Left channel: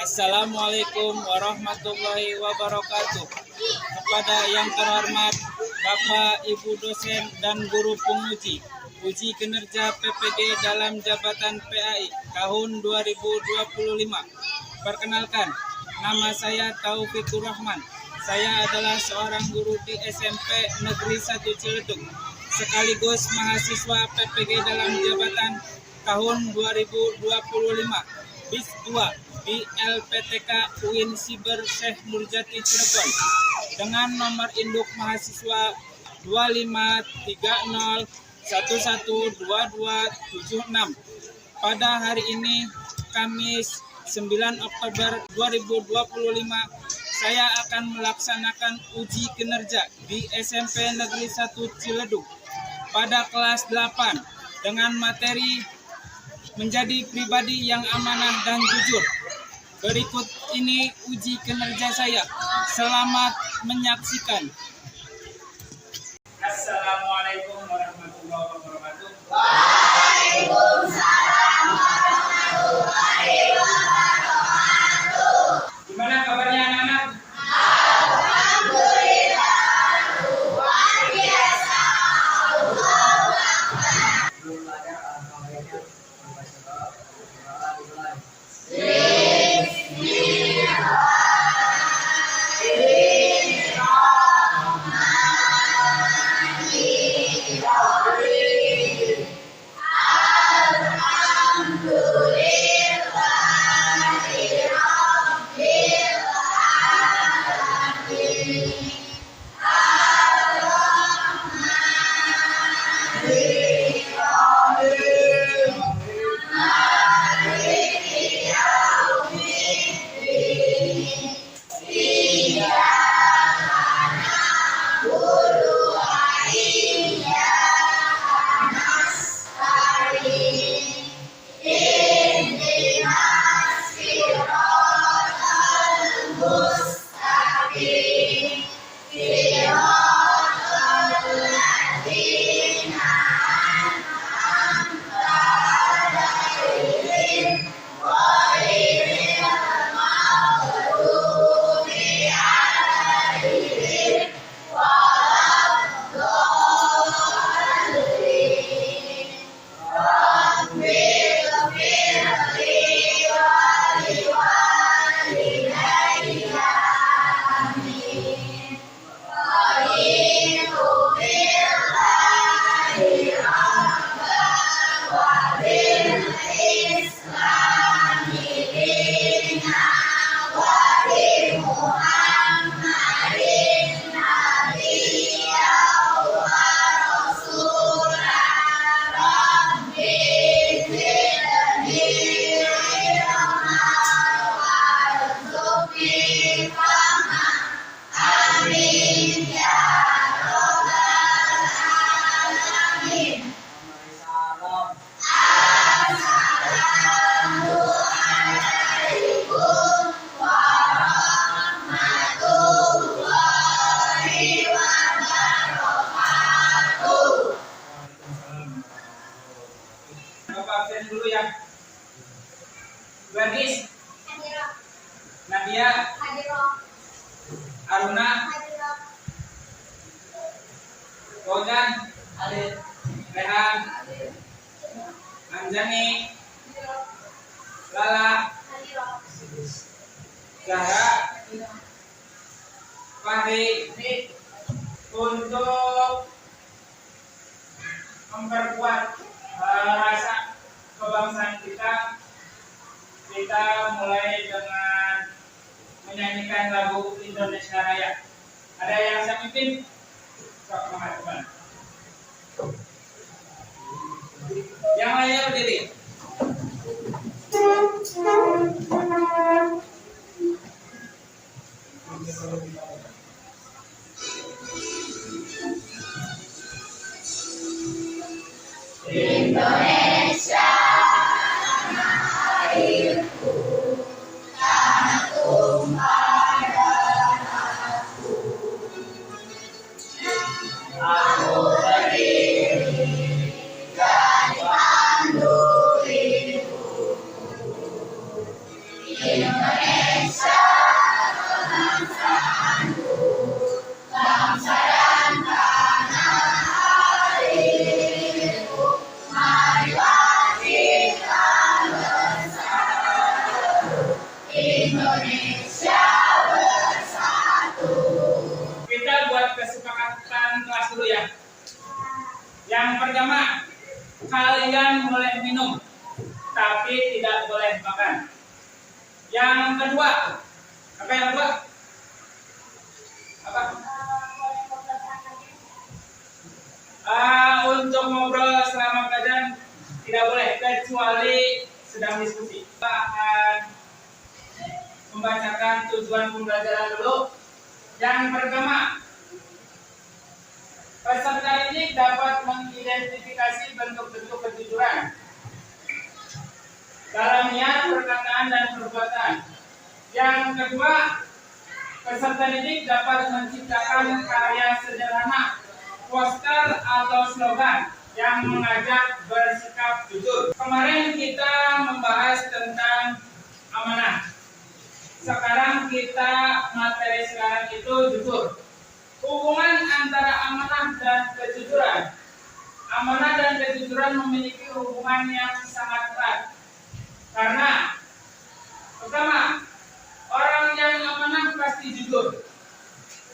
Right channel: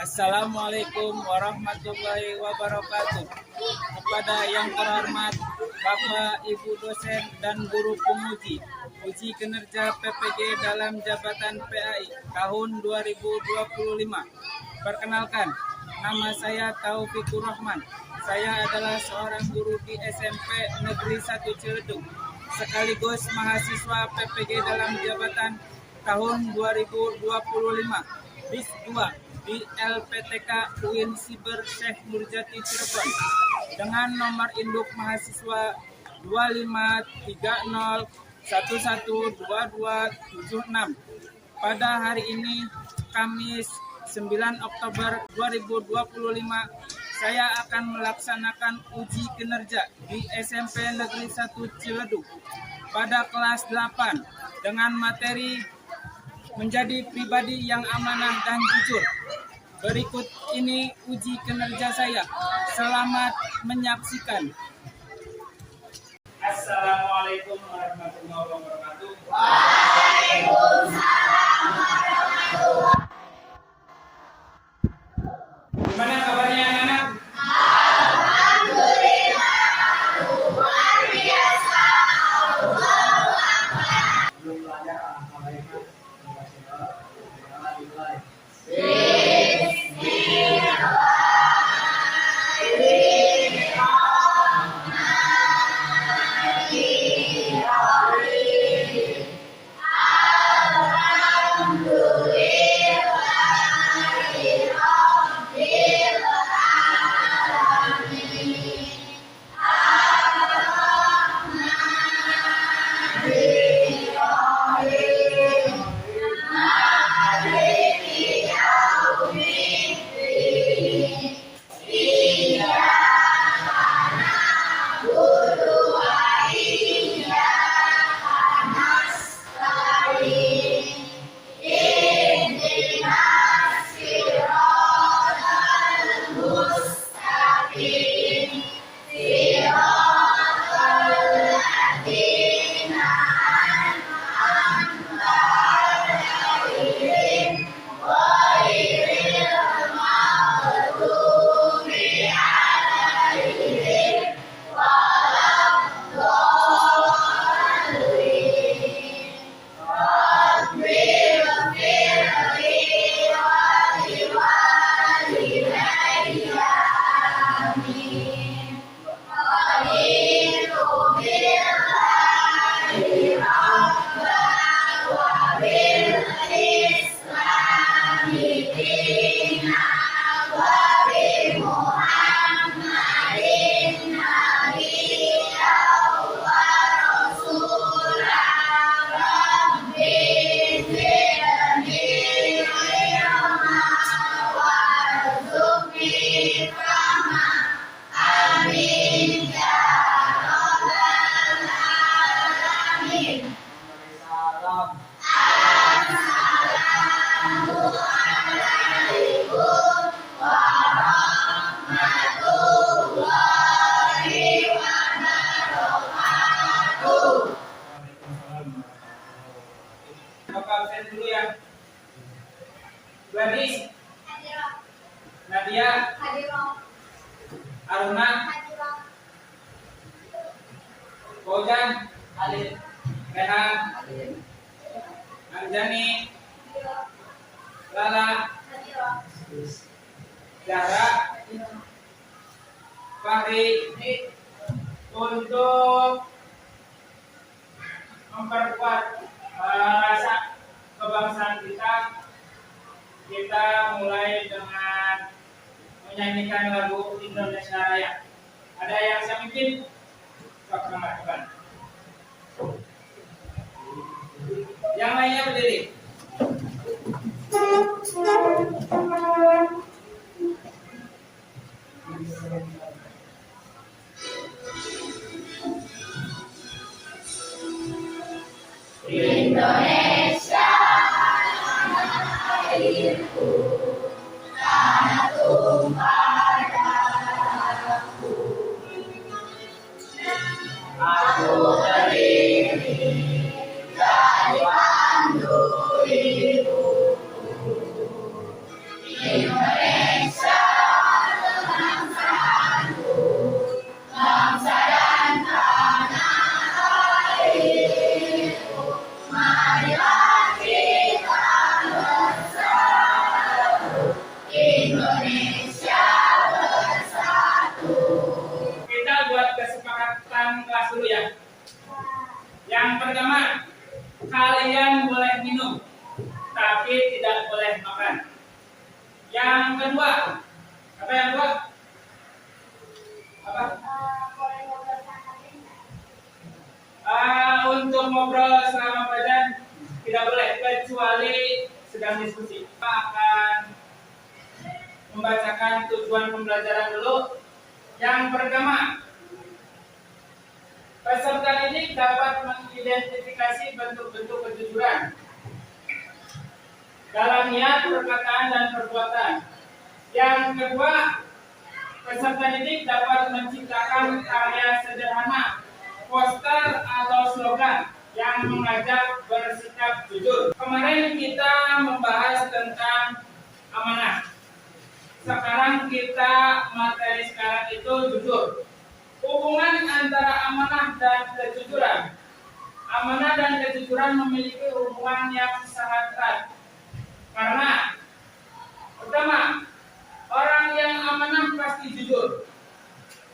Assalamualaikum warahmatullahi wabarakatuh. Kepada yang terhormat Bapak, Ibu dosen dan guru penguji, uji kinerja PPG dalam jabatan PAI tahun 2025. Perkenalkan, nama saya Taufikur Rahman. Saya adalah seorang guru di SMP Negeri 1 Ciledug, sekaligus mahasiswa PPG dalam jabatan tahun 2025 BIS 2 di LPTK UIN Siber Syekh Nurjati Cirebon dengan nomor induk mahasiswa 2530112276. Pada hari ini, Kamis 9 Oktober 2025, saya akan melaksanakan uji kinerja di SMP Negeri 1 Ciledug pada kelas 8 dengan materi menjadi pribadi yang amanah dan jujur. Berikut ini uji kinerja saya. Selamat menyaksikan. Assalamualaikum warahmatullahi wabarakatuh. Waalaikumsalam warahmatullahi wabarakatuh. Gimana kabarnya anak-anak? Alhamdulillah, luar biasa. Allahu Akbar. Belum belajar alangkah baiknya membaca dimulai. Bapak absen dulu ya. Gadis, Hadiroh, Nadia, hadiroh, Aruna, hadiroh. Fauzan, Hadir. Rehan, Hadir. Anjani, Hadiroh, Lala, hadiroh. Zahra, Fahri. Untuk memperkuat rasa kebangsaan kita mulai dengan menyanyikan lagu Indonesia Raya. Ada yang saya pimpin? Sok mengatakan. Yang lainnya berdiri. Indonesia, tanah airku, tanah tumpah darahku. Aku berdiri jadi pandu ibu. Indonesia. Indonesia bersatu. Kita buat kesepakatan kelas dulu ya. Yang pertama, kalian boleh minum, tapi tidak boleh makan. Yang kedua, apa yang kedua? Apa? Untuk ngobrol selama pelajaran tidak boleh, kecuali sedang diskusi. Kita akan membacakan tujuan pembelajaran dulu. Yang pertama, peserta didik dapat mengidentifikasi bentuk-bentuk kejujuran dalam niat, perkataan, dan perbuatan. Yang kedua, peserta didik dapat menciptakan karya sederhana, poster atau slogan yang mengajak bersikap jujur. Kemarin kita membahas tentang amanah. Sekarang kita materi sekarang itu jujur. Hubungan antara amanah dan kejujuran. Amanah dan kejujuran memiliki hubungan yang sangat erat. Karena pertama, orang yang amanah pasti jujur.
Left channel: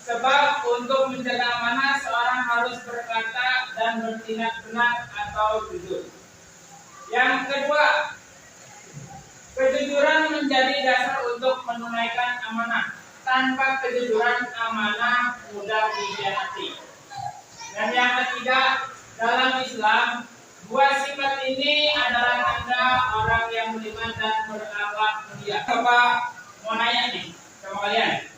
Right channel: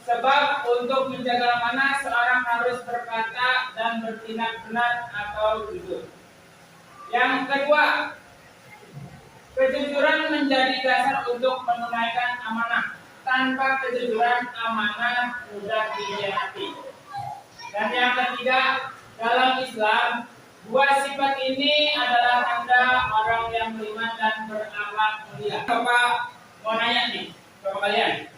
Sebab untuk menjaga amanah, seorang harus berkata dan bertindak benar atau jujur. Yang kedua, kejujuran menjadi dasar untuk menunaikan amanah. Tanpa kejujuran, amanah mudah dikhianati. Dan yang ketiga, dalam Islam, dua sifat ini adalah tanda orang yang beriman dan berakhlak mulia. Bapak mau nanya nih sama kalian.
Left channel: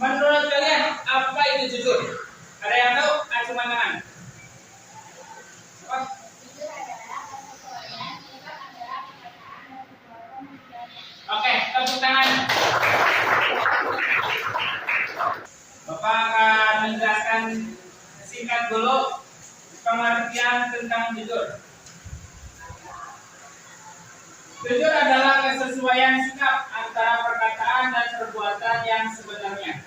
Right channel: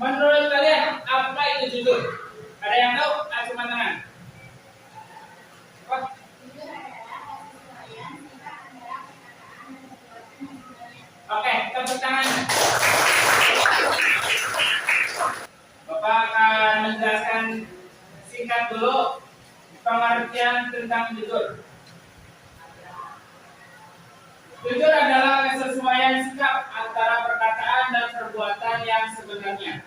Menurut kalian, apa itu jujur? Ada yang tahu? Acungan tangan. Oh. Oke, tepuk tangan. Bapak akan menjelaskan singkat dulu pengertian tentang jujur. Jujur adalah kesesuaian sikap antara perkataan dan perbuatan yang sebenarnya.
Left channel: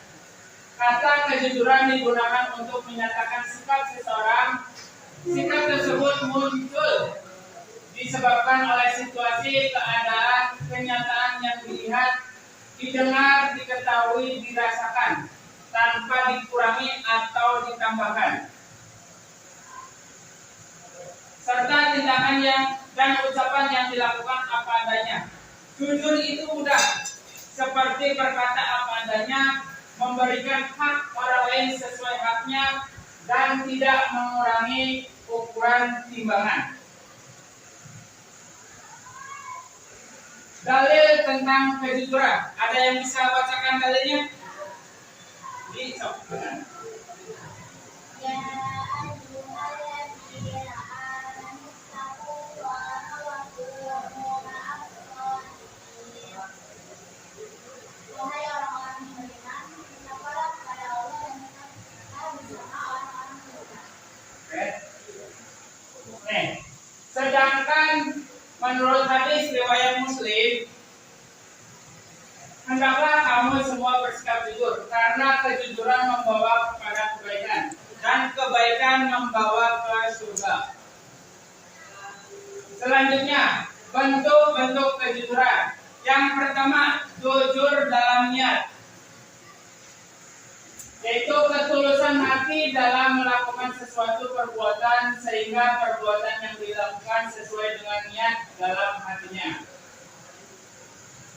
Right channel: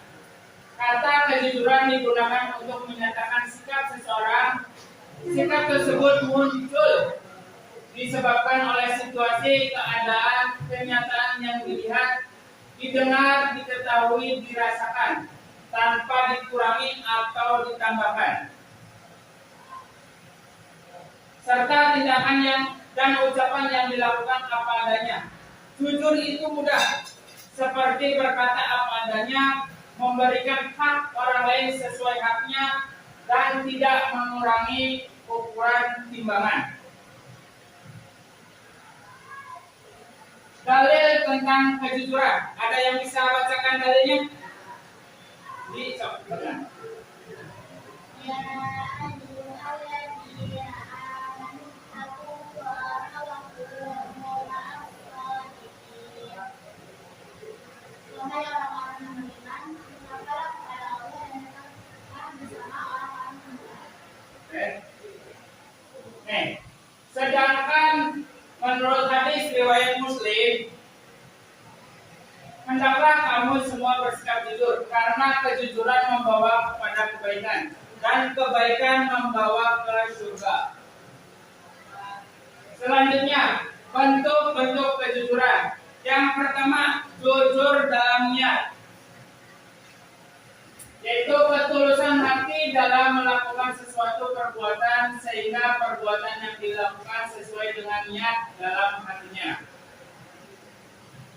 Kata kejujuran digunakan untuk menyatakan sikap seseorang. Sikap tersebut muncul disebabkan oleh situasi, keadaan, kenyataan yang dilihat, didengar, diketahui, dirasakan, tanpa dikurangi atau ditambahkan. Serta tindakan dan ucapan yang dilakukan apa adanya. Jujur itu mudah, seperti berkata apa adanya, memberikan hak orang lain sesuai haknya, dan tidak mengurangi ukuran timbangan. Dalil tentang kejujuran. Ada yang bisa bacakan dalilnya? Ya ayyuhalladzina amanu taqullaha wa kunu ma'as sholihin. Wahai orang-orang yang beriman, bertakwalah kepada Allah dan tetaplah bersama orang-orang beriman. Oke. Nih, sedangkan menurut hadis riwayat Muslim, hendaklah kamu semua bersikap jujur, karena kejujuran membawa kepada kebaikan, dan kebaikan membawa ke surga. Selanjutnya, bentuk-bentuk kejujuran. Yang pertama, jujur dalam niat, yaitu ketulusan hati dalam melakukan sesuatu perbuatan sehingga perbuatan yang dilakukan sesuai dengan niat dalam hatinya.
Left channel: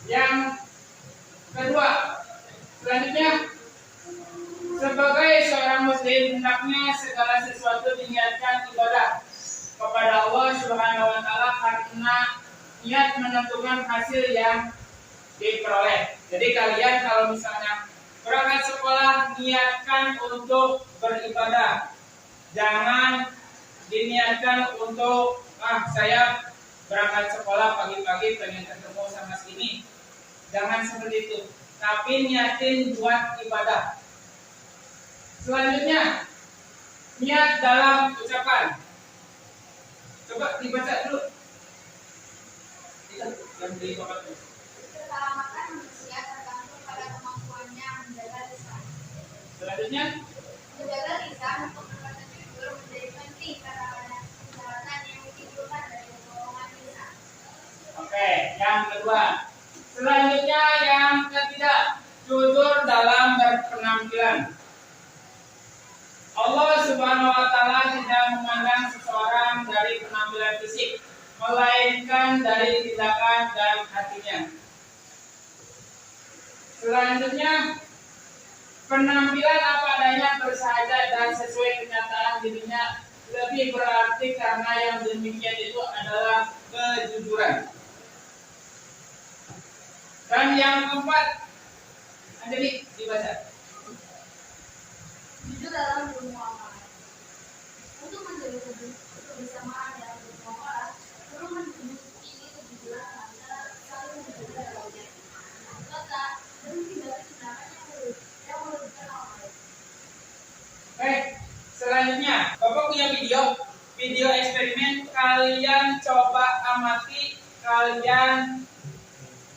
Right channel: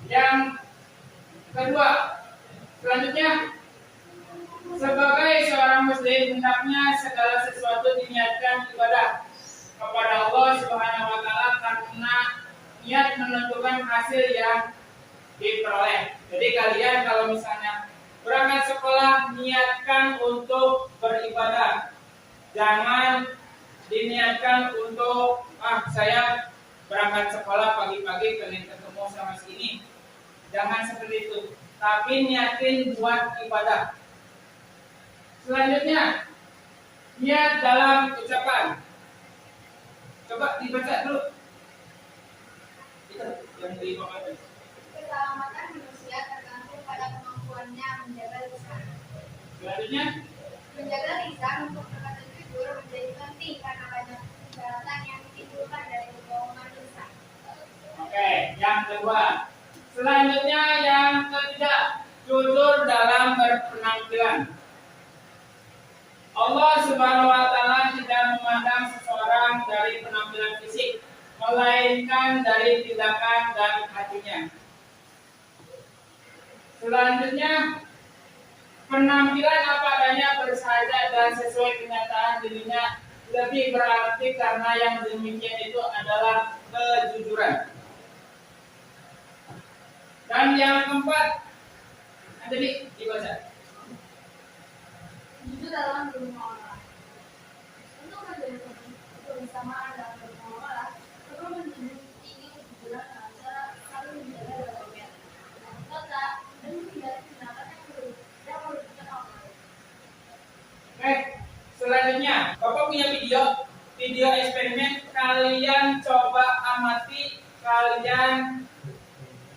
Yang kedua, selanjutnya, sebagai seorang muslim hendaknya segala sesuatu diniatkan ibadah kepada Allah Subhanahu wa taala, karena niat menentukan hasil yang diperoleh. Jadi kalian kalau misalnya berangkat sekolah, niatkan untuk beribadah. Jangan diniatkan untuk saya berangkat sekolah pagi-pagi pengen ketemu sama sini. Jangan seperti itu. Tapi niatin buat ibadah. Selanjutnya, niat dalam ucapan. Coba dibaca dulu. Itu yang dibaca. Keselamatan manusia tergantung pada kemampuannya menjaga lisan. Selanjutnya, Menjaga lisan untuk berkata jujur menjadi penting karena banyak persyaratan yang ditimbulkan dari kebohongan lisan. oke. yang kedua. Selanjutnya yang ketiga, jujur dalam berpenampilan. Allah Subhanahu wa taala tidak memandang seseorang dari penampilan fisik, melainkan dari tindakan dan hatinya. Selanjutnya, penampilan apa adanya bersahaja dan sesuai kenyataan dirinya lebih berarti karena yang demikian itu adalah kejujuran. Dan yang keempat, ada dibaca. Jujur dalam bermuamalah. Untuk menjadi kebersamaan dalam bermuamalah, perlu menjunjung tinggi kejujuran antara saling menjaga dalamnya. Serta dan menghindari tindakan yang merugikan orang lain. Baik, selanjutnya, Bapak punya video eksperimen. Kalian coba amati, kalian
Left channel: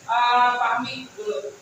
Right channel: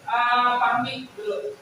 pahami dulu.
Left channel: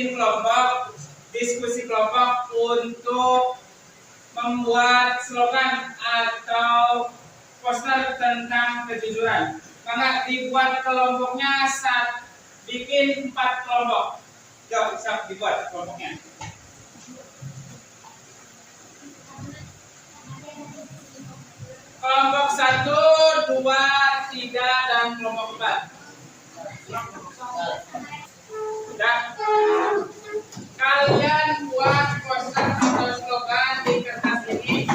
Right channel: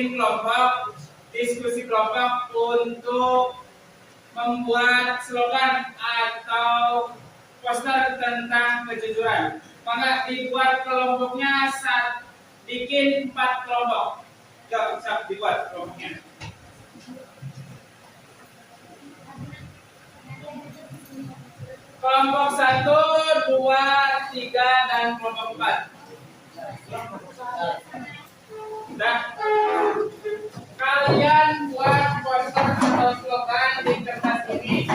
bikin kelompok, diskusi kelompok untuk membuat slogan atau poster tentang kejujuran. Maka dibuat kelompoknya bikin 4 kelompok. Yuk, siap dibuat kelompoknya. Kelompok 1, 2, 3, dan kelompok 4. Sudah. Kalian buat poster atau slogan di kertas ini.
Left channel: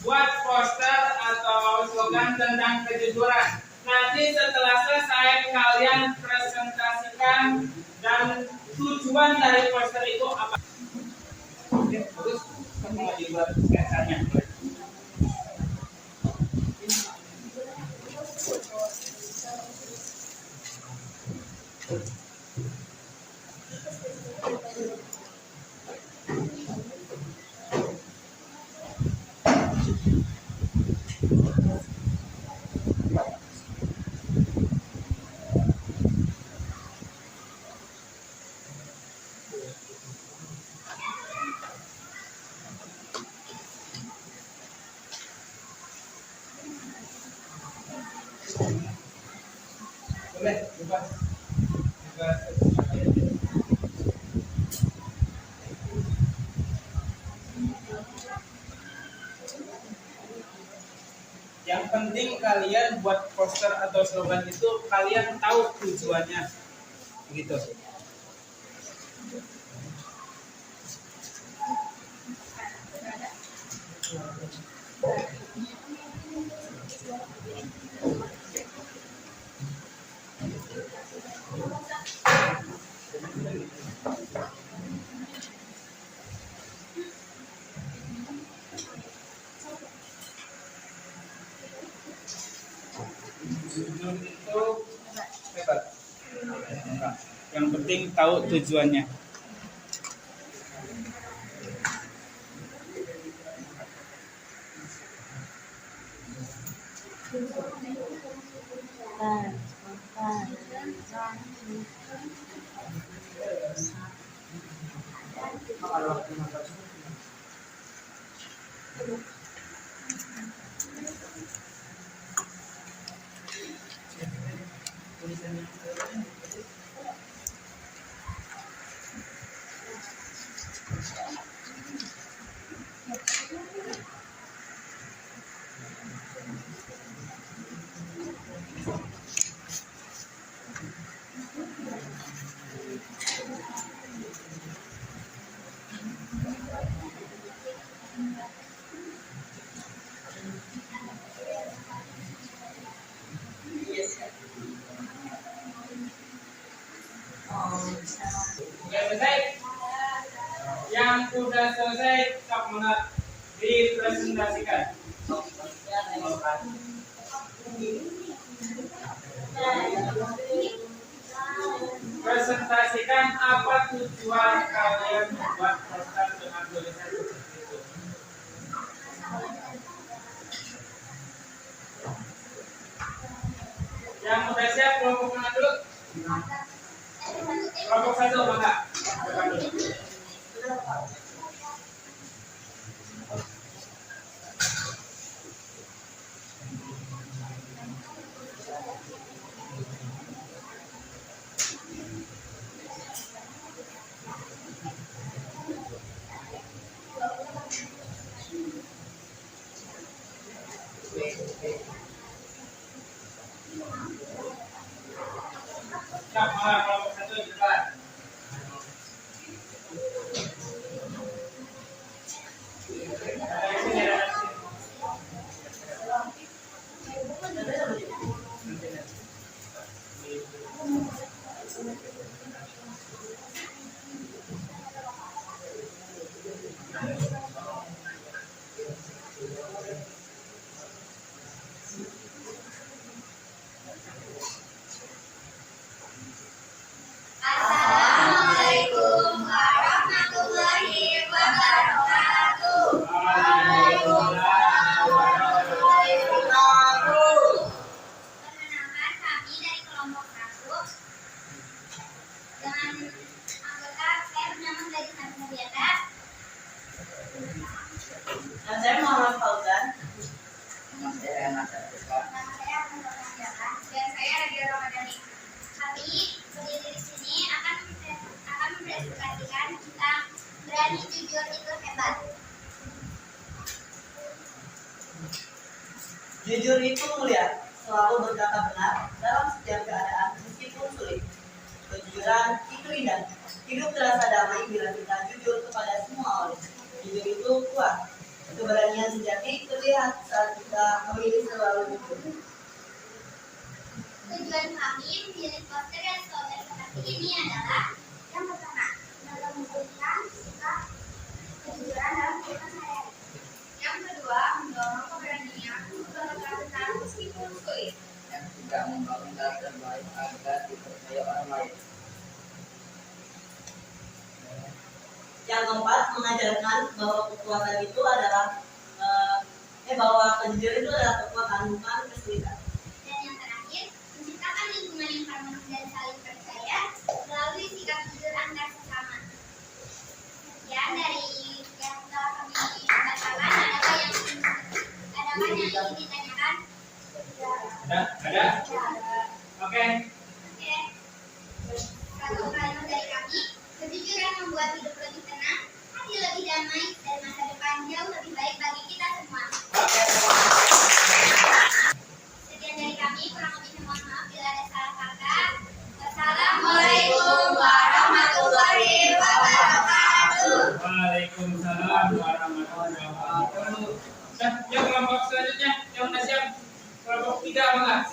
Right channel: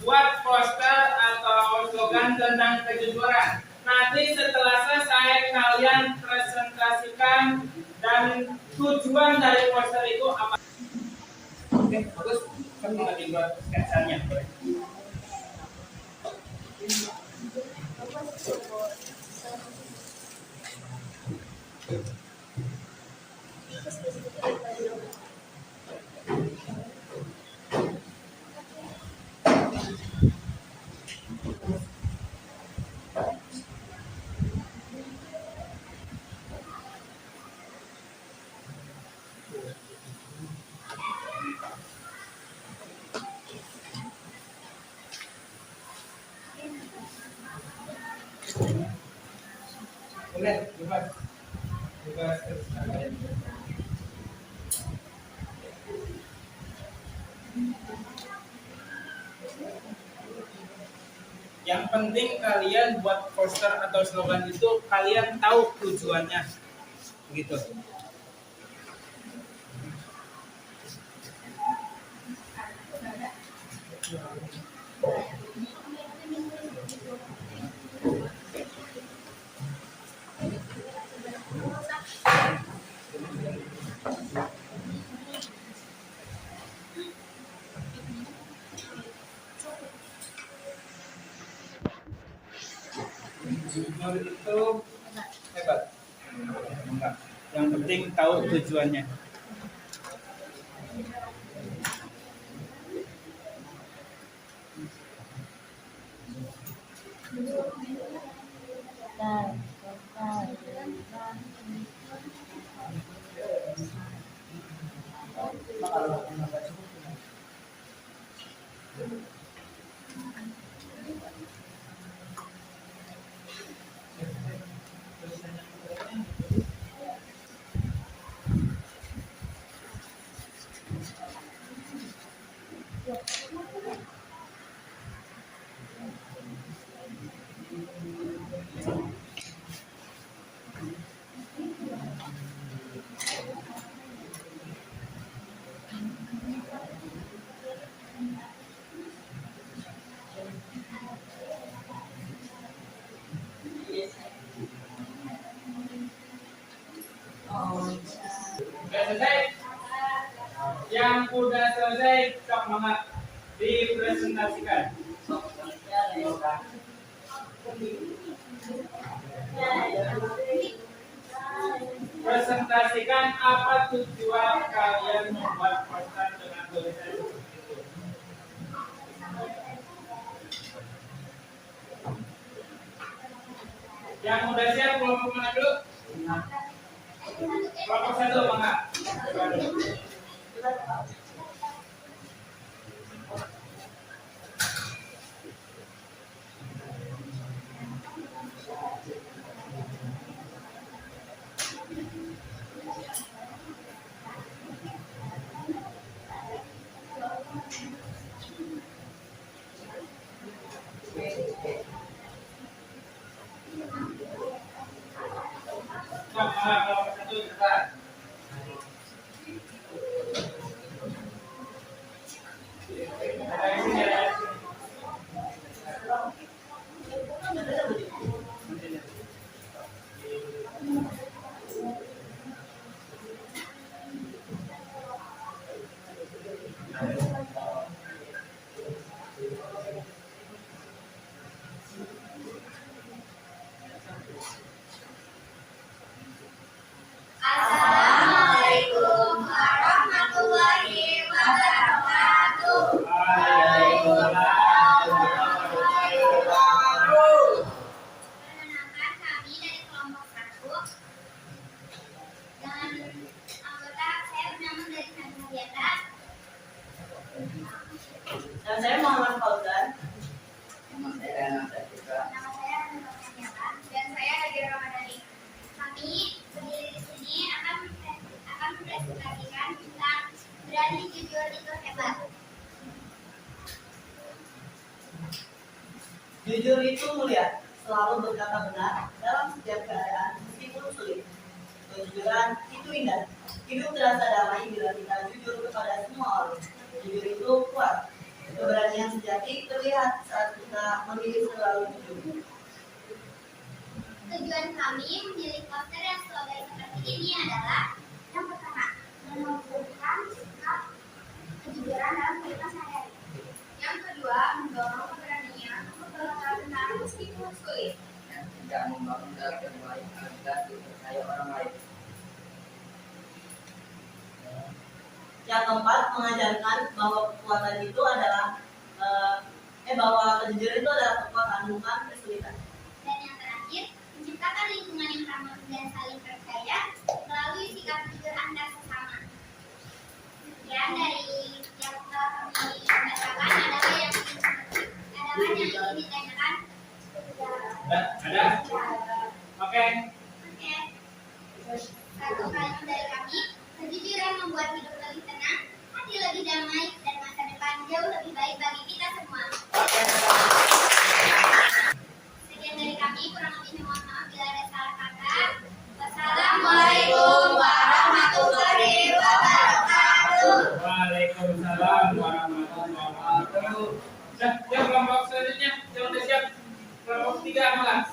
Buat poster atau slogan tentang kejujuran. Nanti setelah selesai kalian presentasikan dan tujuan dari poster itu apa? Oke, bagus. Kamu lagi buat sketsanya. Boleh, bebas. Bebas. Yang penting kalian buat poster atau slogan itu kalian tahu tujuannya. Begitu. Menurut itu hebat. Enggak. Yang penting tahu tujuannya. Sudah selesai? Yang udah selesai, sok banget dipresentasikan. Presentasikan apa tujuan kalian membuat poster dengan tulisan seperti itu. Yang udah siap kelompok mana dulu? Kelompok 1 mangga. Coba dulu. Mangga kelompok 1 di depan. Jujur itu mulia, selalu berkata benar dalam setiap keadaan meskipun sulit. Kejujuran itu indah. Hidup terasa damai bila kita jujur kepada semua orang. Jujur itu kuat. Keberanian sejati terlihat saat kita memilih selalu jujur. Tujuan kami memilih poster yang slogan seperti ini adalah yang pertama, menumbuhkan sikap kejujuran dalam kehidupan sehari-hari. Yang kedua, mendorong keberanian untuk berkata benar meskipun sulit. Yang ketiga, membangun karakter baik agar dipercaya orang lain. Yang keempat, mengajarkan bahwa kekuatan itu adalah bahwa kejujuran itu adalah kekuatan, bukan kesulitan. Dan yang terakhir, menciptakan lingkungan yang harmonis dan saling percaya melalui sikap jujur antar sesama. Sekian dari yang telah kami bacakan. Adakah yang ingin ditanyakan? Ada? Oke. Oke. Satu kalimat dari kami. Kejujuran membuat hidup lebih tenang, hati lebih damai, dan masa depan jauh lebih baik bagi kita semua. Oke. Sekian dari kami, kurang lebihnya mohon maaf bila ada salah kata. Wassalamualaikum warahmatullahi wabarakatuh. Waalaikumsalam warahmatullahi wabarakatuh. Nah, yang kelompok selanjutnya yang udah siap, kelompok 3 malah.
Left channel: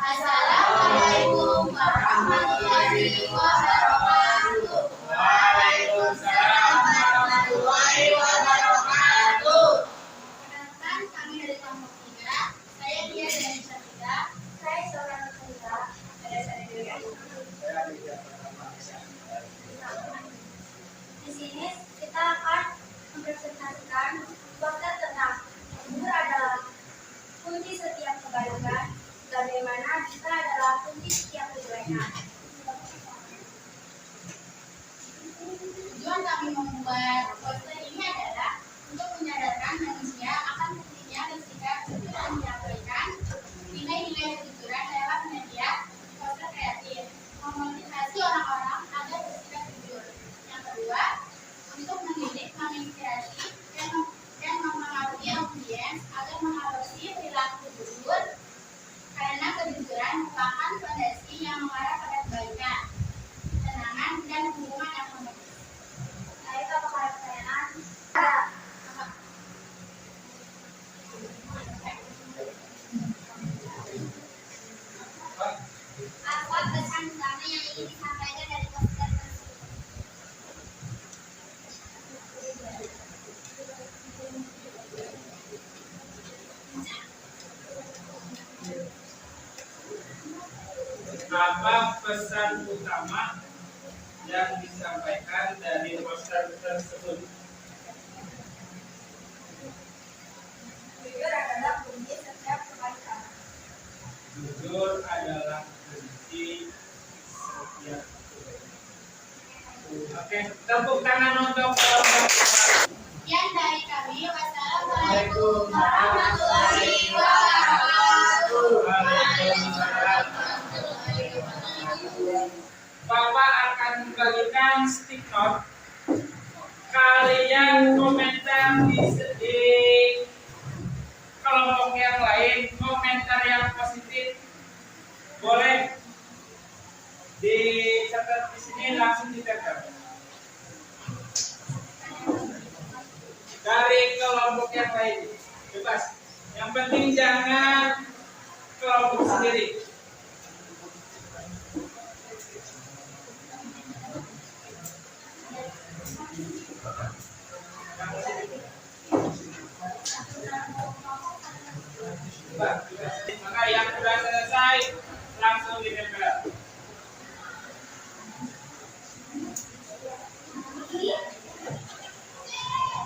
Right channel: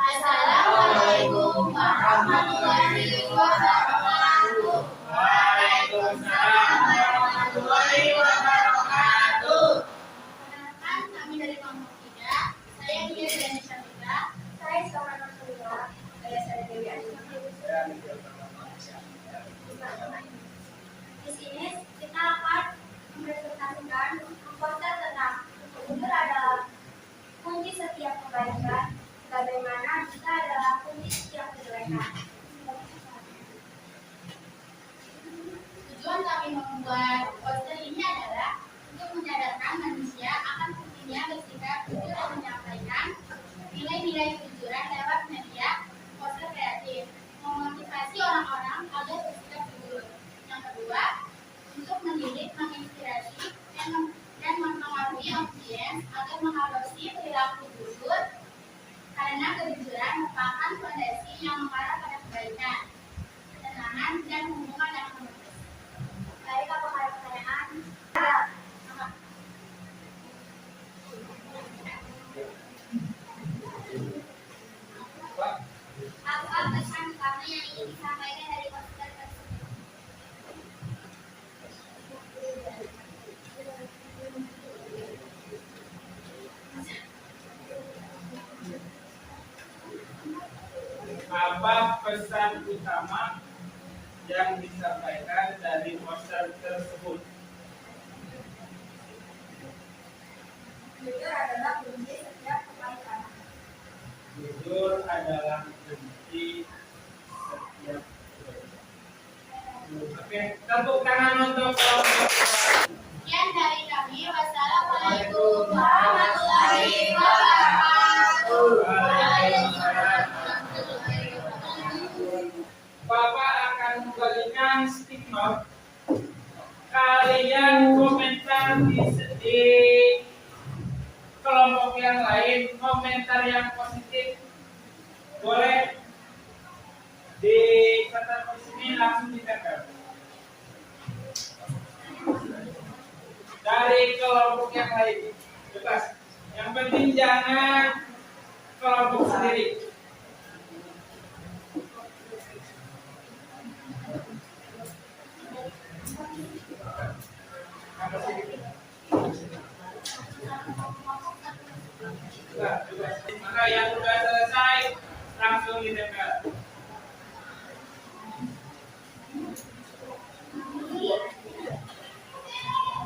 Assalamualaikum warahmatullahi wabarakatuh. Waalaikumsalam warahmatullahi wabarakatuh. Perkenalkan, kami dari kelompok 3. Saya Dia dan Syafida. Saya Sora Nurulila. Ada saya Dewi Asyik. Di sini kita akan mempresentasikan poster tentang jujur adalah kunci setiap kebaikan, bagaimana kita adalah kunci setiap kejelekan. Tujuan kami membuat poster ini adalah untuk menyadarkan manusia akan pentingnya bersikap jujur dan menyampaikan nilai-nilai kejujuran lewat media poster kreatif, memotivasi orang-orang agar bersikap jujur. Yang kedua, untuk mendidik, menginspirasi, dan mempengaruhi audiens agar mengadopsi perilaku jujur, karena kejujuran merupakan fondasi yang mengarah pada kebaikan, ketenangan, dan hubungan yang harmonis. Baik, apakah ada pertanyaan? Ada. Apa pesan utama yang ingin disampaikan dari poster tersebut? Apa pesan utama yang disampaikan dari poster tersebut? Jujur adalah kunci setiap kebaikan. Jujur adalah kunci setiap kebaikan. Oke, tepuk tangan untuk kelompok. Sekian dari kami. Wassalamualaikum warahmatullahi wabarakatuh. Waalaikumsalam. Bapak akan membagikan stick note. Kalian komentar di kelompok yang lain, komentar yang positif boleh dicatat di sini, langsung ditempel. Dari kelompok yang lain bebas. Yang penting jangan kelompok sendiri. Maka yang sudah selesai langsung ditempel.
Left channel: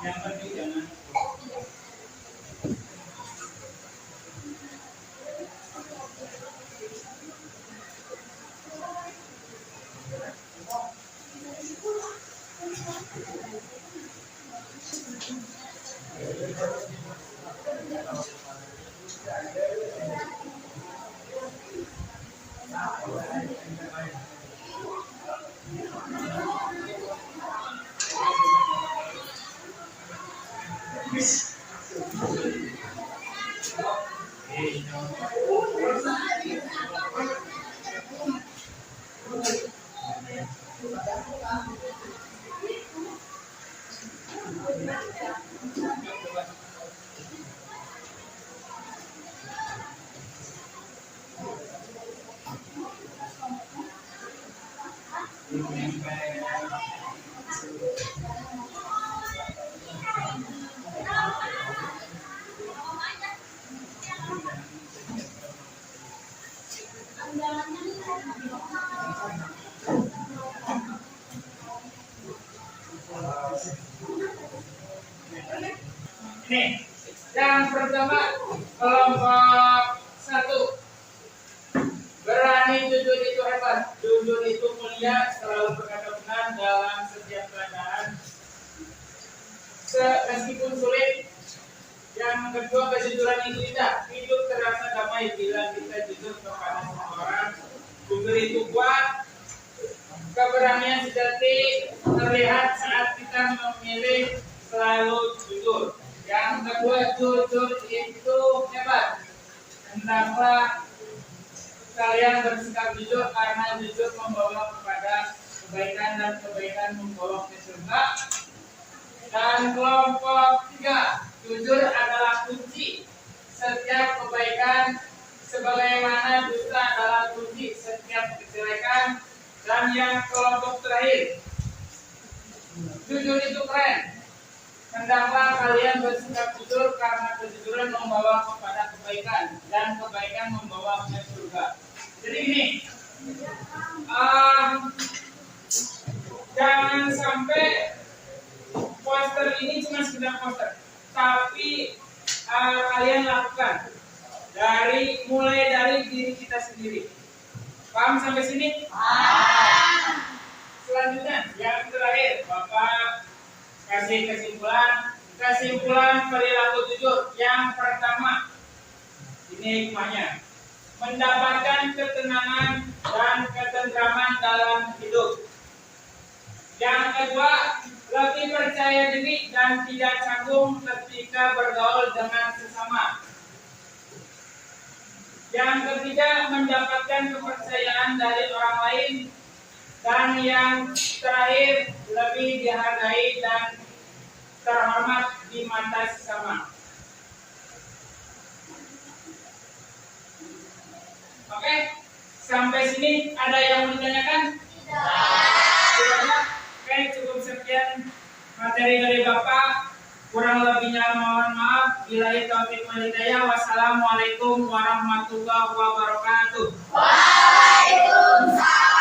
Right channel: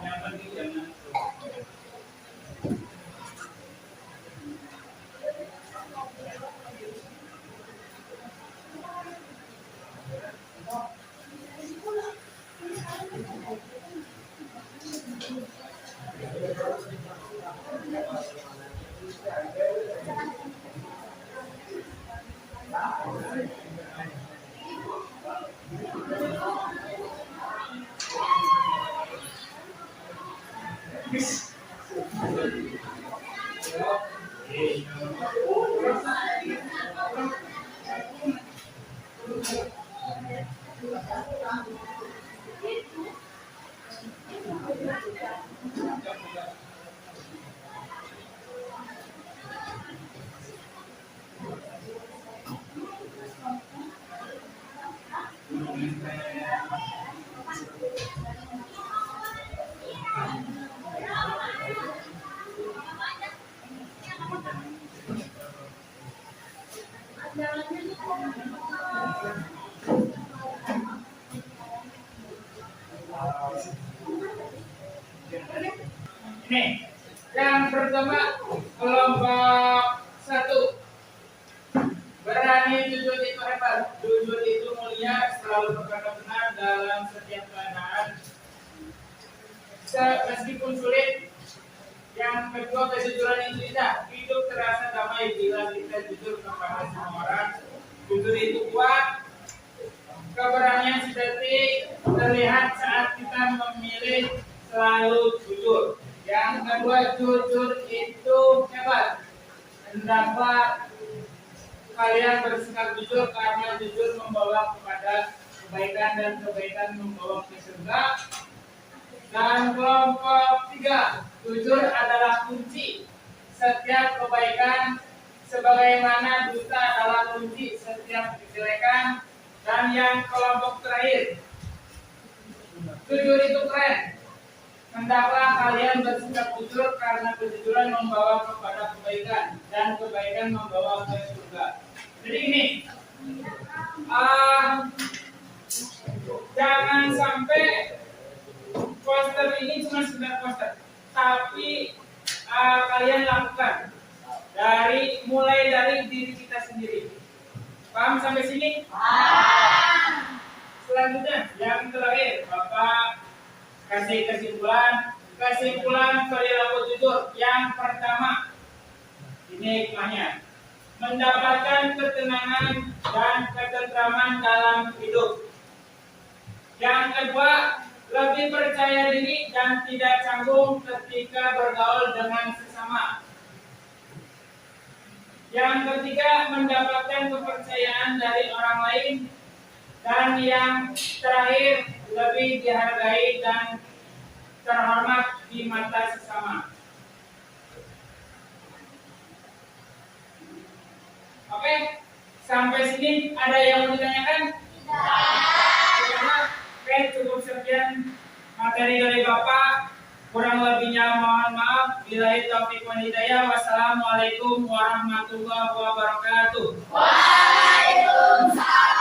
Yang penting jangan. Ini yang pertama, kelompok 1. Berani jujur itu hebat, jujur itu mulia, selalu berkata benar dalam setiap keadaan, meskipun sulit. Yang kedua, kejujuran itu indah, hidup terasa damai bila kita jujur kepada semua orang. Jujur itu kuat, keberanian sejati terlihat saat kita memilih selalu jujur. Yang kedua, jujur itu hebat. Hendaklah kalian bersikap jujur karena jujur membawa kepada kebaikan dan kebaikan membawa ke surga. Dan kelompok 3, jujur adalah kunci setiap kebaikan, sebagaimana dusta adalah kunci setiap kejelekan. Dan yang kelompok terakhir, jujur itu keren. Hendaklah kalian bersikap jujur karena kejujuran membawa kepada kebaikan dan kebaikan membawa ke surga. Jadi ini, jangan sampai poster ini cuma sekedar poster, tapi kalian lakukan mulai dari diri kita sendiri. Paham sampai sini? Selanjutnya, yang terakhir, Bapak kasih kesimpulan perilaku jujur. Yang pertama, ini hikmahnya, mendapatkan ketenangan dan ketentraman dalam hidup. Yang kedua, lebih percaya diri dan tidak canggung ketika bergaul dengan sesama. Yang ketiga, mendapatkan kepercayaan dari orang lain. Dan yang terakhir, lebih dihargai dan terhormat di mata sesama. Oke, sampai sini ada yang mau ditanyakan? Tidak. Oke, cukup sekian materi dari Bapak. Kurang lebihnya mohon maaf. Billahi taufiq wal hidayah. Wassalamualaikum warahmatullahi wabarakatuh. Waalaikumsalam.